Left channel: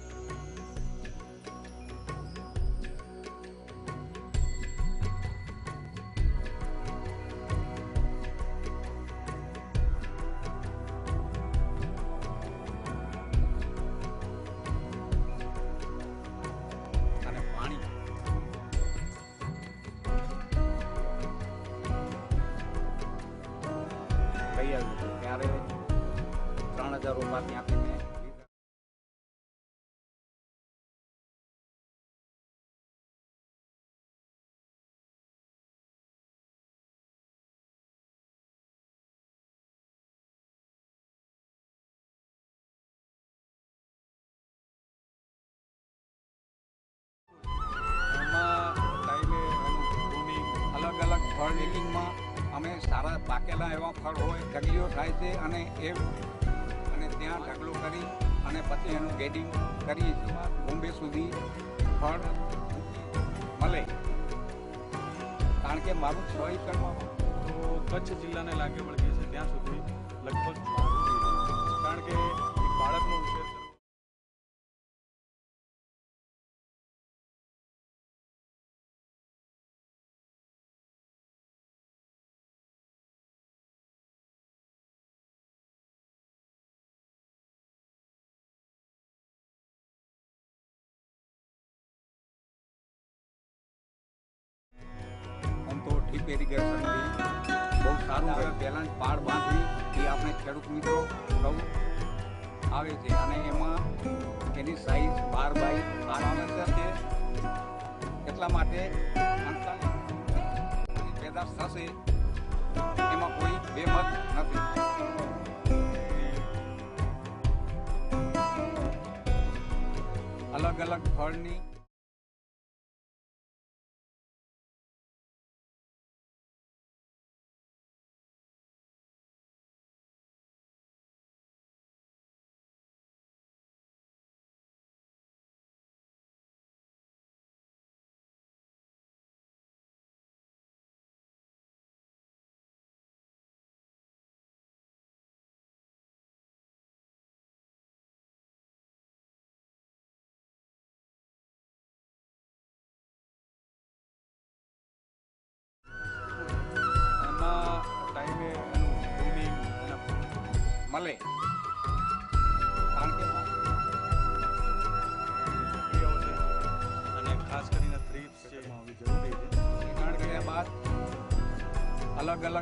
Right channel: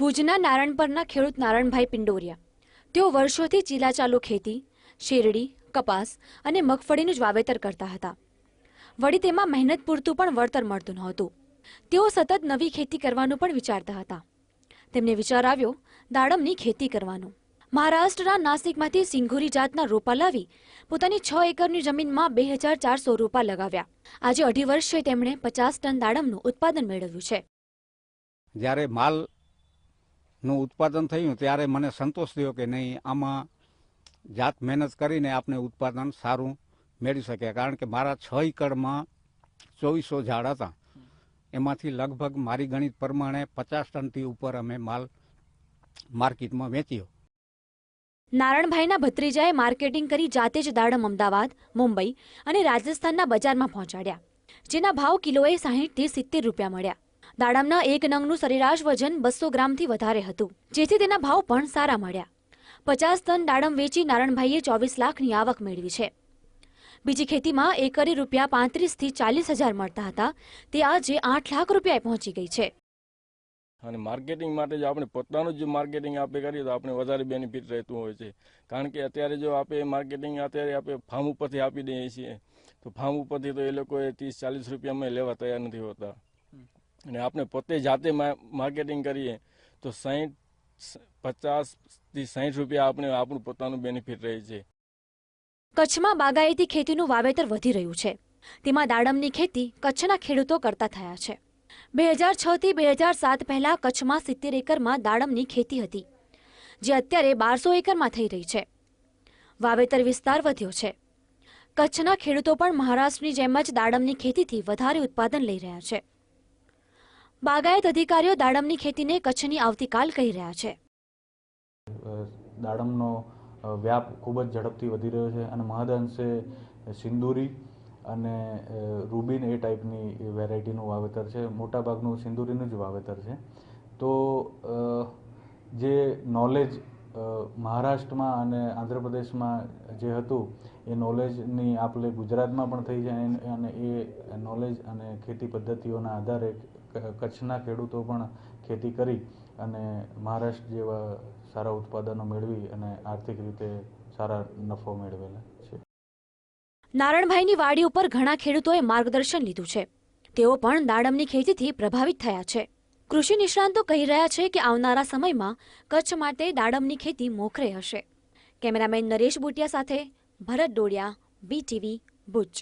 ભુજના નારણપરના ખેડૂત નારણભાઈ પિંડોરિયા તેઓ વર્ષોથી ચીલાચાલુ ખેતી, શેરડી, કપાસ અને મગફળીનું જ વાવેતર કરતા હતા. વળી તેમાં મહેનત પૂરતું પણ વળતર મળતું નહોતું. તેઓ સતત નવી ખેતી કરવાનું પણ વિચારતા હતા. તેમને વિચાર આવ્યો દાડમની ખેતી કરવાનો. મહારાષ્ટ્રના નાસિકમાંથી સિંઘુરી જાતના રોપા લાવી પોતાની 6 એકરની જમીનમાં 2400 રોપા લગાવ્યા. આજે 2.5 વર્ષે તેમણે 50 ટન દાડમનું ઉત્પાદન મેળવ્યું છે. જ્યારે માલનું ઉત્પાદન થયું ત્યારે મને સંતોષ થયો કે નહીં, આમાં જાત મહેનત કરીને આપણે ઉત્પાદન સારું મેળવી શક્યા. કારણ કે મારા 6 એકરમાં 2400 ઝાડ હતા. એમાંથી લગભગ મારી ગણિત પ્રમાણે 50 ટનથી ઉપર અમે માલ માર્કેટમાં વેચ્યો. નારણભાઈના ભત્રીજાએ માર્કેટિંગ કરી જાતે જ દાડમ અમદાવાદ, મુંબઈ અને રાજસ્થાનના બજારમાં પહોંચાડ્યા, જેના ભાવ કિલોએ 60 થી 70 રૂપિયા મળ્યા. દાડમના એક નંગનું સરેરાશ વજન 200 ગ્રામથી વધારે હતું, જેથી તેના ભાવ પણ સારા મળ્યા. 50 ટન દાડમ વેચી નારણભાઈએ 24 લાખની આવક મેળવી છે. બીજી ખેતીમાં એકરે રૂપિયા 35 થી 40 હજાર મળતા હતા, તે આજે 8 લાખ રૂપિયા પહોંચી ગઈ છે. અને માર્કેટિંગ માટે જો આપણે પોતાનું જ માર્કેટિંગ આપણે કરીએ તો આપણે વધારે બેનિફિટ રહેતું હોય છે. કારણ કે અત્યારે જો આપણે માર્કેટિંગ અત્યારે આપણે ફાર્મ ઉપરથી આપી દઈએ છીએ તો ફાર્મ ઉપરથી તો એ લોકોએ 30-40 રૂપિયામાં લેવા તૈયાર નથી હોતા. અને આપણે પોતે જાતે માર્કેટિંગ કરીએ તો 50 થી 60 રૂપિયા આપણે આપણું પોતાનું બેનિફિટ રહે છે. કચ્છમાં બાગાયતી ખેતીનું વાવેતર વધી રહ્યું છે. તેમાં દાડમની ખેતી કચ્છના ખેડૂતો કરતા થયા છે. 2006 થી 2007 પહેલા કચ્છમાં 70 એકરમાં દાડમની ખેતી હતી, જે અત્યારે 1200 એકરમાં થઈ રહી છે. વાવેતર વિસ્તાર વધ્યો છે. કચ્છના ખેડૂતો પણ મહારાષ્ટ્રની જેમ જ દાડમની ખેતીથી વધારે ઉત્પાદન લઈ રહ્યા છે. બાગાયત અધિકારીઓ દાડમની ખેતીને કચ્છની આવતીકાલ કહી રહ્યા છે. દાડમનો વ્યાપ ખૂબ જ ઝડપથી વધી રહ્યો છે અને મહદઅંશે સિંદૂરી અને રૂબિન એ ટાઈપની વેરાયટીનું વાવેતર છે. મોટાભાગનું સિંદૂરીનું જ વાવેતર છે. તો જે નોલેજ મહારાષ્ટ્રમાં અને આંધ્રપ્રદેશમાં જે હતું એ નોલેજની આપલે ગુજરાતમાં પણ થઈ જાય અને એ નોલેજ અને ખેતી પદ્ધતિઓના આધારે કચ્છના ખેડૂતો પણ ખેતી કરી અને મહારાષ્ટ્ર જેવા સારા ઉત્પાદનો મેળવી અને આર્થિક રીતે સારા નફો મેળવેલા છે. નારણભાઈની વાડી ઉપર ઘણા ખેડૂતોએ માર્ગદર્શન લીધું છે. તેઓ પણ દાડમની ખેતીથી પ્રભાવિત થયા છે. કૃષિ નિષ્ણાંતો કહી રહ્યા છે કે આવનારા સમયમાં કચ્છ માટે દાડમની ખેતી મોખરે હશે. કેમેરામેન નરેશ બુટિયા સાથે ભરત ડોડિયા, BTV, ભુજ.